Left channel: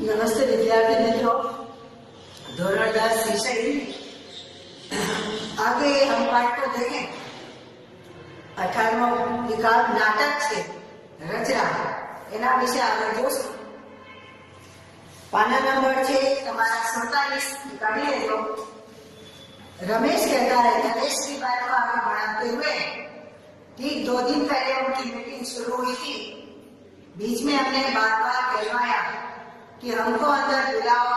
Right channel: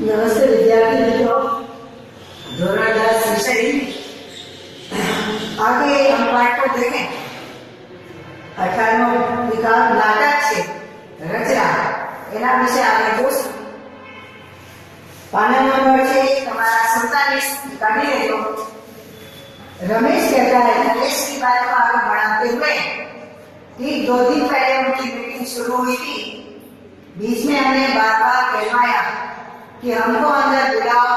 नमस्ते विद्यार्थी मित्रों, धोरण 10 विषय आगे हम पाठ को देखें। 18 किताब नाटक છે રચના એના વિશે આપણે જોશું। પાના નંબર છે તમારા 47 કાઢી લેજો। रमेश कहता है नरेश की बात को आगे बढ़ाते हुए कि 2 दिन पहले उनकी मीटिंग शुरू हुई थी। बीच में हमने बार बार कहवाया कि हमको अंदर बुलाओ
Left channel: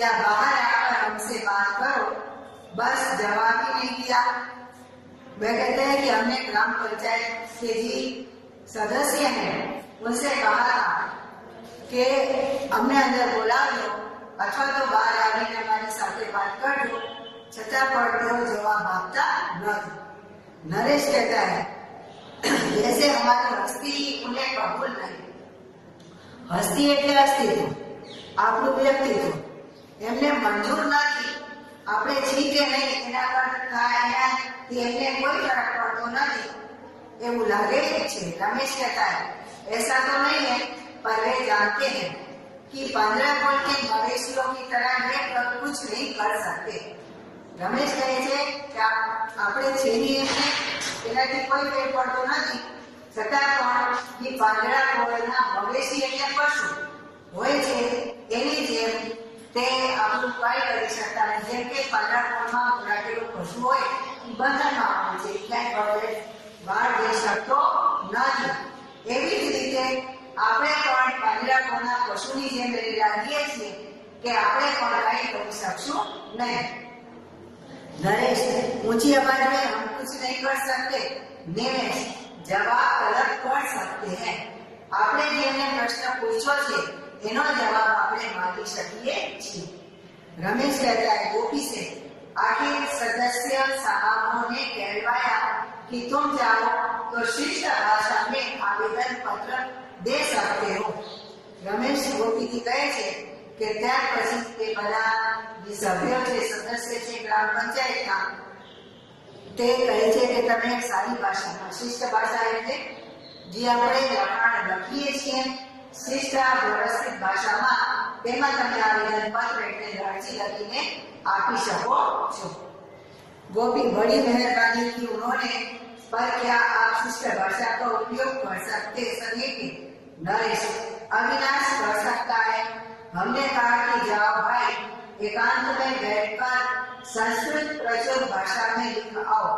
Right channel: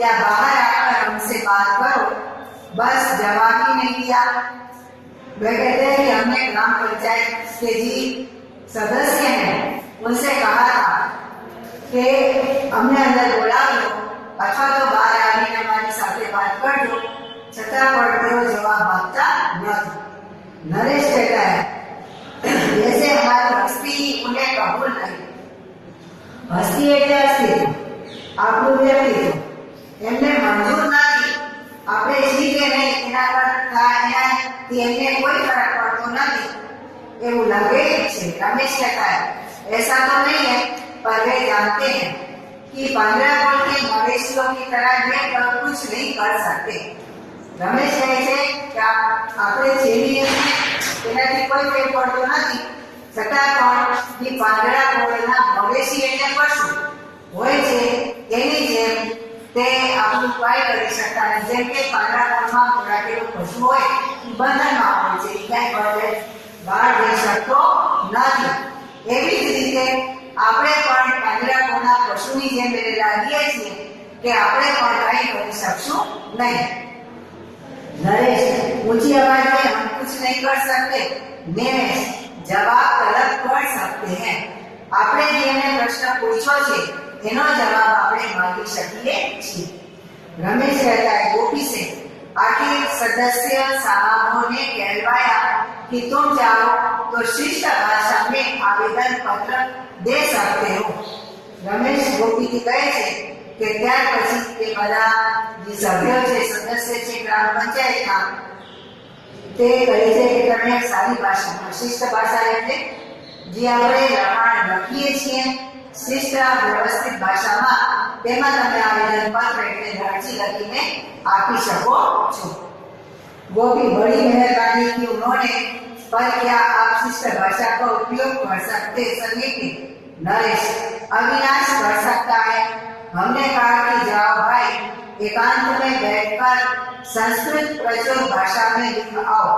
या बाहर आकर हमसे बात करो, बस जवाब ही नहीं दिया। वे कहते हैं कि हमने ग्राम पंचायत के जी सदस्य हैं, उनसे कहा था कि हमने अंदर बुला लो अथवा तो बाहर आने हमारी साथे बात कर दो, छठा पर तेरो जवाब आपता नहीं। नरेश कहता है जैसे हमारी हस्ती उन्हें कबूल नहीं। हस्ती એટલે અસ્તિત્વ, આપણું વ્યક્તિત્વ એમને મંજૂર નથી। આપણે છીએ કે નહીં એના પર એમને કોઈ ફરક પડતો નથી એવું લાગે છે। रमेश कहता है ऐसा तो नहीं है, पर वे जानते हैं कि 15 गोल के मवेशियों की तरह ये कुछ नहीं कर सकते। रमेश કહે છે કે આપણે છીએ એનાથી કોઈ ફેર પડતો નથી, છતાં પણ જે પાંદડા કોળના મવેશી એટલે પશુ હોય છે એની જેમ તે આપણું કાંઈ કરી શકતા નથી। જેમ કે પાંદડા કોળમાં રાખેલું પશુ હોય બંધનમાં હોય છે, ક્યાંય બહાર જઈ શકતો નથી। એવી જ રીતે આપણે પણ પાંદડા કોળના પશુની જેમ લાગીએ છીએ કે આપણે પણ કાંઈ કરી શકશું નહીં। नरेश ऊंची आवाज में हम कुछ नहीं कर सकते। निमेश जवाब तलब कर सकते हैं। आपने जेने प्रश्न पूछो छे एनो जवाब आपने मांगी શકીએ છીએ। रमेश कहता है गोपी से आखिर सदस्य साहबों ने कहलवाया कि तुम चाहो तो शिष्ट भाषा में आवेदन पत्र दे सकते हो। रमेश गोपी की कहे छे કે ત્યાર પછી તે બધા જે સભ્યો છે સદસ્ય છે ગ્રામ પંચાયતના તે કહે છે કે તમે સારી ભાષામાં શિષ્ટ ભાષા એટલે જે આપણે લખાણ લખીએ છીએ શિષ્ટ વ્યવસ્થિત ભાષામાં તેમાં તમે આવેદન પત્ર એટલે અરજી લખીને આપી શકો છો। गोपी बड़ी मेहरबानी की उन्होंने, पर क्या आप शिष्ट भाषा का उपयोग कर सकते सके? नरेश अविनाश कर सकता है। हमने कहा कि जाओ भाई एकांत में बैठकर संस्कृत प्रचुर भाषा में लिख आओ।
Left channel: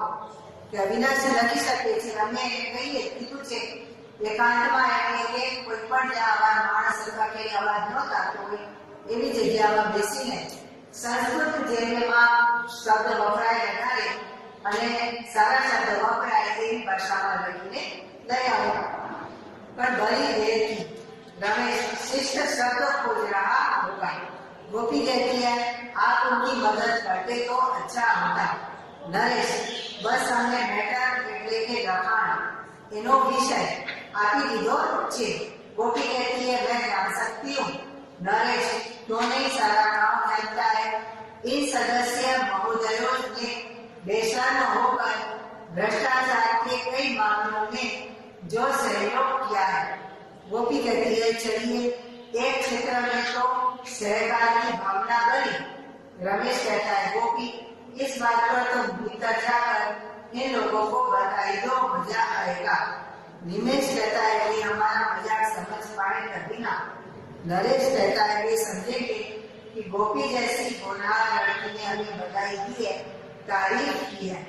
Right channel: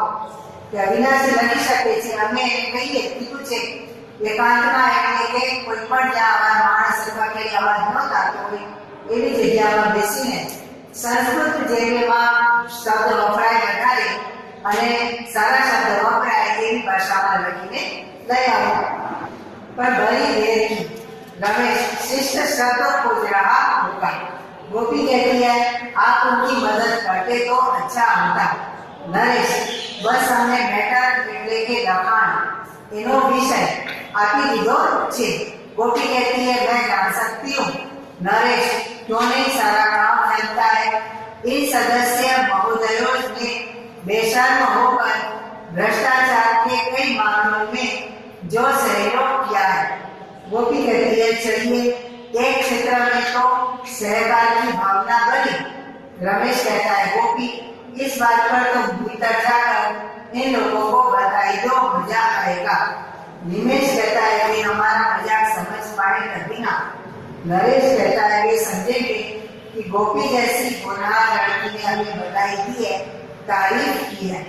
कि अविनाश लखी શકે છે। અમે કહીએ કીધું છે એકાંતમાં એટલે કે કોઈ પણ જ્યાં આવા માણસ અથવા કે અવાજ ન થતો હોય એવી જગ્યામાં બેસીને સંસ્કૃત જેમાં શબ્દ વપરાય વધારે અને સારા શબ્દ વપરાય એવી ભાષામાં લખીને લઈ આવો। પણ બड़ी देर की रमेश शिष्ट शब्द खोज रहा होगा। गोपी कहती है आप उनकी मदद करते तो अच्छा होता। नरेश बस हमने मैटर એટલે કે લખાણ એનો વિષય આપી દીધો છે। गोपी कहती है मैं जान सकती हूँ। नरेश क्यों नहीं सारा गांव जानता है। इन सदस्य महोदयों ने बेशर्म होकर भ्रष्टाचार के कई मामलों में जो सहयोग किया है। गोपी कहती है चलिए एक क्षेत्र में तो सहकार की भावना बनी। रमेश कहता है गोपी इस बात पर तो भीतर जाकर इन लोगों को बताई दो, मजा आएगा। निमेश कहता है कि हमारा मजाक समझ पाए तभी ना। नरेश कहता है वे समझेंगे कि गोपी जैसी होनहार लड़की ने हमें बताई दी है, तारीफ की है।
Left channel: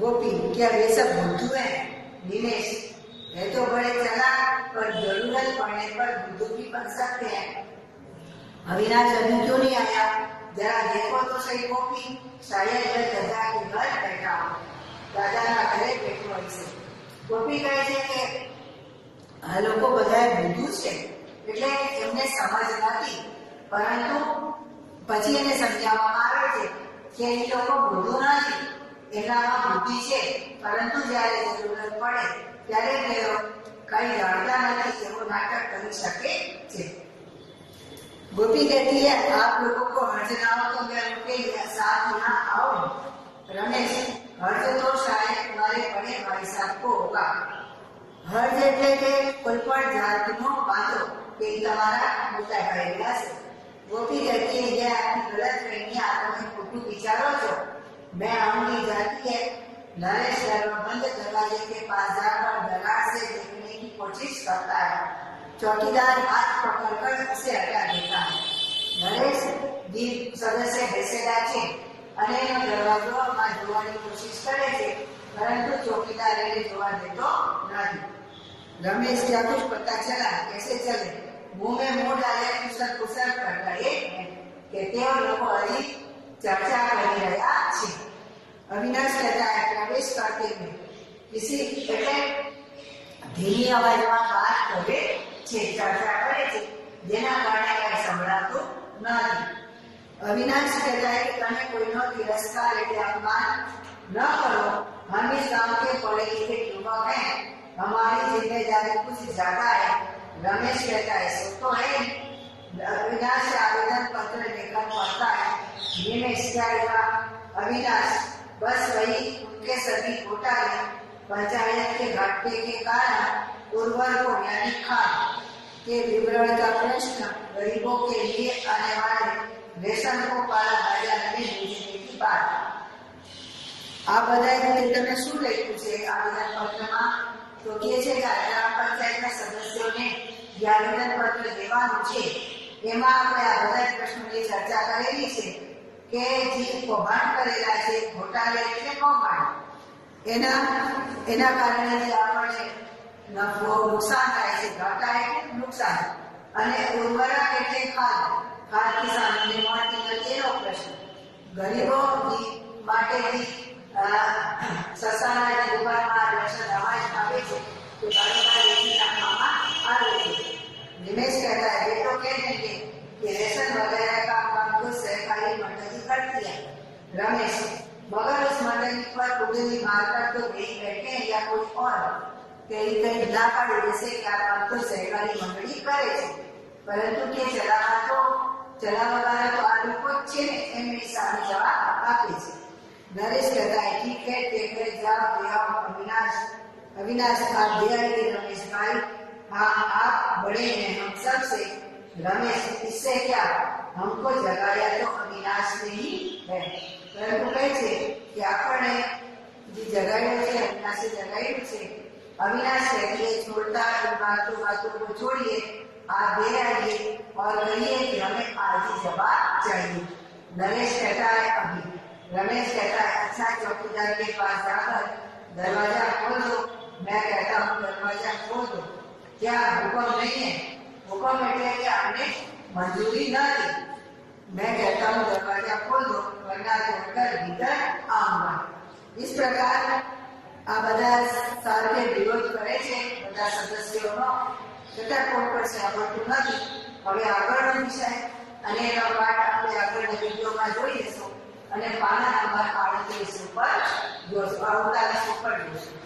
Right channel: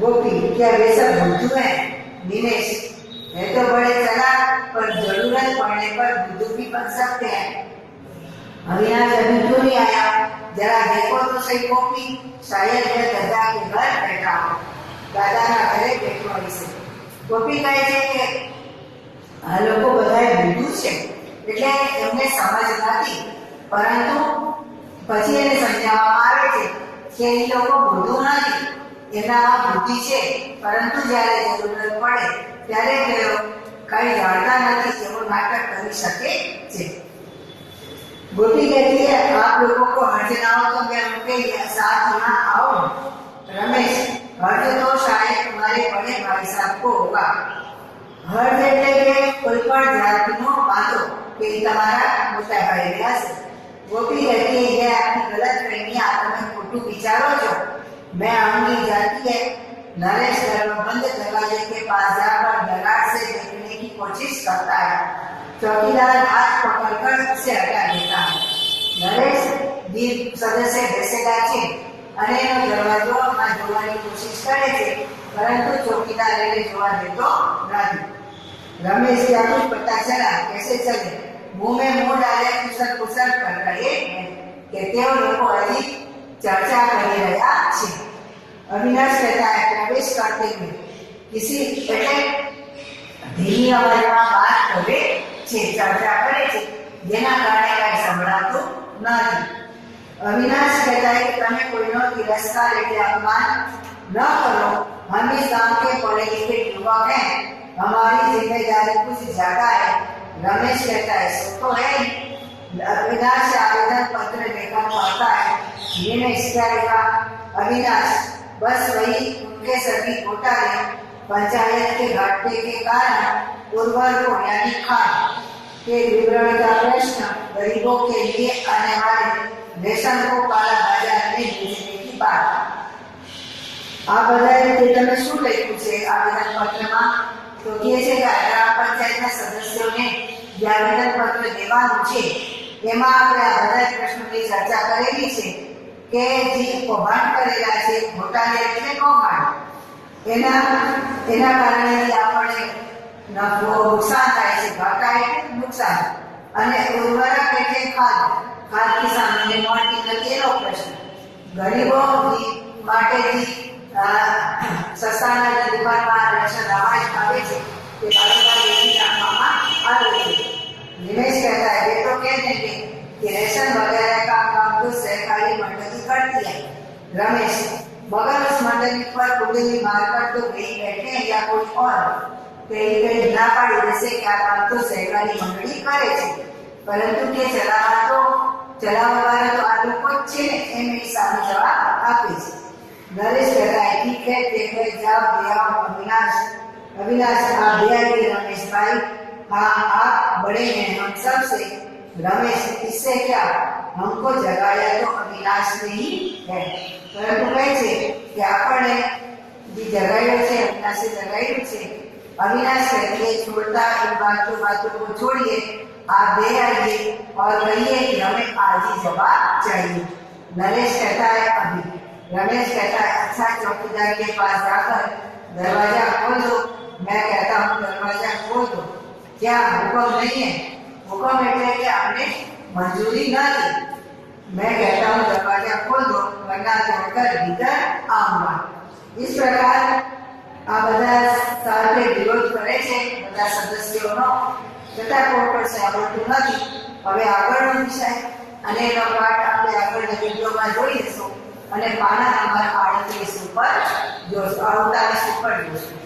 गोपी क्या वे सब बुद्धू हैं? निमेश ये तो बड़े चालाक पर जरूरत पड़ने पर बुद्धू भी बन सकते हैं। अविनाश अभी क्यों नहीं आया? जरा देखो तो सही गोपी, शायद यह दादा के घर बैठा हो। दादा ना घरे बैठो से। गोपी कहे છે કે આ લોકો બધાય બુદ્ધુ છે એટલે એમને સમજ નથી, પરંતુ પછી એને સમજાવવામાં આવે છે કે એ લોકો બુદ્ધુ નથી, એનામાં બુદ્ધિ છે, પરંતુ જ્યારે જરૂરત પડે ત્યારે તેઓ કઈ જાણતા નથી એવું નાટક કરી શકે છે। गोपी कहती है आप लोगों को हर्ज ना हो तो मैं उनके साथ यहाँ आओ। रमेश हर्ज तो शायद तुम्हारे बड़े भाई साहब को होगा। हर्ज એટલે કે કોઈ પણ જાતનો બાંધો કે એ તમારા મોટા ભાઈ હશે. ગોપી કહેતી है ये आपकी गलत फहमी आप हमें खोटू विचारो છો. मैं आऊंगी जाती है. नरेश घर में बंद दरवाजे के पास जाकर दरार से देखने की कोशिश करता है. चौकीदार हाथ पकड़कर उसे हटा देता है. नरेश દીપ સદસ્ય બેસેલા છે અને એનો દરવાજો જોવાની કોશિશ કરે છે, પરંતુ ચોકીદાર એને જોવા દેતો નથી. रमेश क्या कुछ पता चला कैसे चले. मुंह में मुंह डाले कुशल कुशल कर रहे हैं कि तेओ लोग हजी चर्चा कर रहा है. अविनाश कहता है प्रवेश करते हुए किसी એટલે ધીમી અવાજમાં વાત કરે છે, ચર્ચા કરે છે, જેના કારણે કઈ સંભળાતું નથી. अविनाश कहता है कि तुम्हें कोई नो तिरस्कार એટલે अपमान न करो. हम इस गांव के पढ़े लिखे युवक हैं, हमारी जिम्मेदारी कुछ ज्यादा है. रमेश कहता है सो तो है. अविनाश आवेदन पत्र लेकर पढ़ता है. मैंने इसका लिखा अविनाश बस वही उनके सभी घोटाले पंचायत के घाटे के कारण उर्वरकों यानी खाद के विवरण का प्रश्न, गरीबों के लिए आने वाले रेशन को काला बाजार में बेचने की बात. આ બધા રીતે તમે શું લખ્યું છે આવેદન પત્રમાં? તો કહે છે કે ગ્રામ પંચાયતના સદસ્યોને જે આવેદન પત્ર દેવાનું છે એમાં આપણે આ બધા પ્રશ્નોની ચર્ચા કરેલી છે કે જે કૌભાંડ કરેલા છે, ઘોટાલે એટલે કૌભાંડ, એના કારણે આપણને નફો નુકસાન થાય છે. ઘાટા એટલે નુકસાન, અને ઉર્વરક એટલે ખાદ, ખાદ કિસાનોને મળતી નથી એનો પ્રશ્ન. ગરીબો માટે જે સસ્તાના જે દુકાનમાં રેશન અનાજ આવે છે તે બારોબાર વેચી નાખવામાં આવે છે. दिनेश कहता है ये तो कह देंगे कि रेशन वगैरह का काम तो सहकारी मंडली करती है. रमेश मगर उस मंडली पर कुंडली मारकर तो नहीं बैठे या कोई और कहीं कहीं ना पड़ी जैसे क्या काम तो सहकारी मंडली करे છે, પરંતુ કે ચલાવવાવાળા તો આ લોકો જ છે ને, એમ એ સામે જવાબ આપે છે. नरेश कहता है ठीक है देखो जाओ ले आओ. अविनाश आप ले आइए रमेश भाई. हाँ आप बड़े हैं हम सब से. रमेश इससे क्या, हमको जगाया तो अविनाश ने ही है, परंतु कहे છે કે આપણે જે જગાડ્યો છે અવિનાશે જગાડ્યું છે. अविनाश कहते छोड़ता इन बातों को छोड़िए, आप ले आइए और कहिए कि हमें आज ही जवाब चाहिए. नरेश कहता है अभी. रमेश कहता है अच्छा चौकीदार के पास जाकर दरवाजा खोल दो. मैं कहता हूँ दरवाजा खोल दो. क्या हुक्म नहीं है? हुक्म એટલે કે हमने मंजूरी न दी. मैं कहता हूँ दरवाजा खोल दो वरना तोड़कर भीतर आऊंगा. इस प्रकार આ બધા સાથે વિરોધ કરે છે બધા સદસ્યોનો, છતાં કોઈ પણ સાંભળતું નથી. હવે આગળનો વિષય અને એનો પાઠ આપણે આગળના વિડીયોમાં જોઈ લઈશું અને પાના નંબર 38 ઉપર જોઈશું, 48 ઉપર જોઈશું.